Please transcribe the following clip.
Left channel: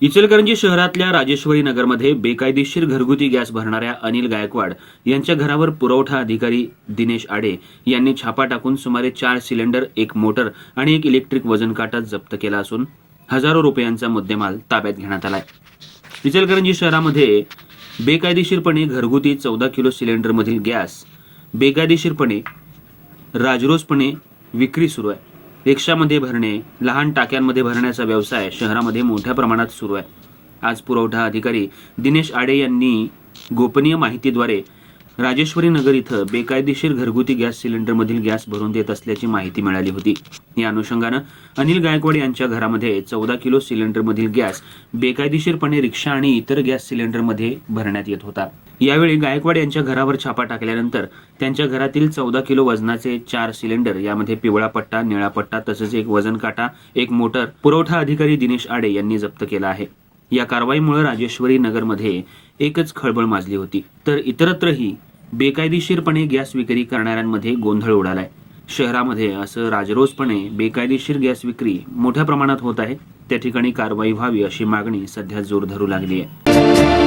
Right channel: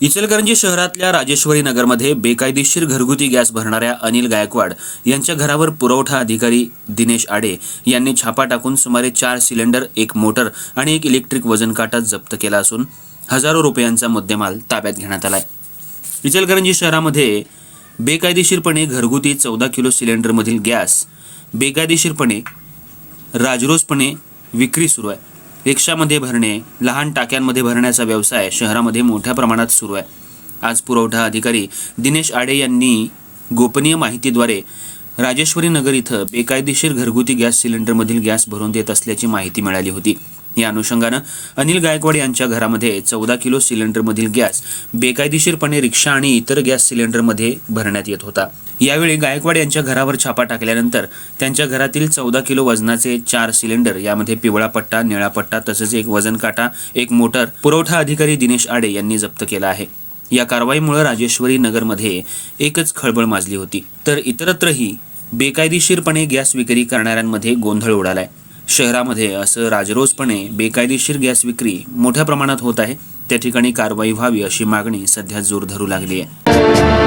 इचलकरंजी शहरातल्या राजेश्वरी नगरमध्ये बेकायदेशीर घरगुती गॅस भरणाऱ्या अनिल गायकवाड यांच्या घरावर पुरवठा अधिकारी दिनेश आडे यांनी छापा टाकून सुमारे चार सिलेंडर एक मोटर आणि एक इलेक्ट्रिक वजन काटा जप्त केला असून हजारो रुपयांचा मुद्देमाल ताब्यात घेण्यात आलाय. इचलकरंजी शहरामध्ये बेकायदेशीरपणे घरगुती चौदा किलो सिलेंडरमधील गॅस बेकायदेशीरपणे राजरोसपणे विक्री सुरू आहे. रिक्षामध्ये भरणे लहान टाक्यांमध्ये भरण्याचा व्यवसाय शहरामध्ये मोठ्या प्रमाणात सुरू आहे. आज पुरवठा अधिकारी दिनेश आडे यांनी गोपनीय माहितीद्वारे राजेश्वरी नगर इथं बेकायदेशीर घरगुती गॅस सिलेंडरमधील गॅस भरून देत असल्याची माहिती मिळाली होती. या अनुषंगानं अनिल गायकवाड यांच्या घरामध्ये चौदा किलो सिलेंडरमधील गॅस बेकायदेशीरपणे रिक्षा आणि इतर गॅस सिलेंडरमध्ये भरण्यात येत होता. यावेळी गायकवाड यांच्या घरावर छापा टाकल्यानंतर त्यांच्या घरातील चौदा किलो वजनाचे चार सिलेंडर यामध्ये पिवळा पट्टा निळा पट्टा तसेच एक वजन काटा एक मोटर पुरवठा अधिकारी दिनेश आडे यांनी जप्त केला आहे. या कारवाईमुळे राजेश्वरी नगरमध्ये एकच खळबळ माजली होती. तर इतरत्रही बेकायदेशीरपणे गॅस विक्री करणाऱ्यांमध्ये गोंधळ उडालाय. शहरामध्ये असं राजरोसपणे बेकायदेशीर गॅस विक्री मोठ्या प्रमाणात होत आहे. त्या ठिकाणी कारवाई व्हावी अशी मागणी सध्या जोर धरू लागली आहे.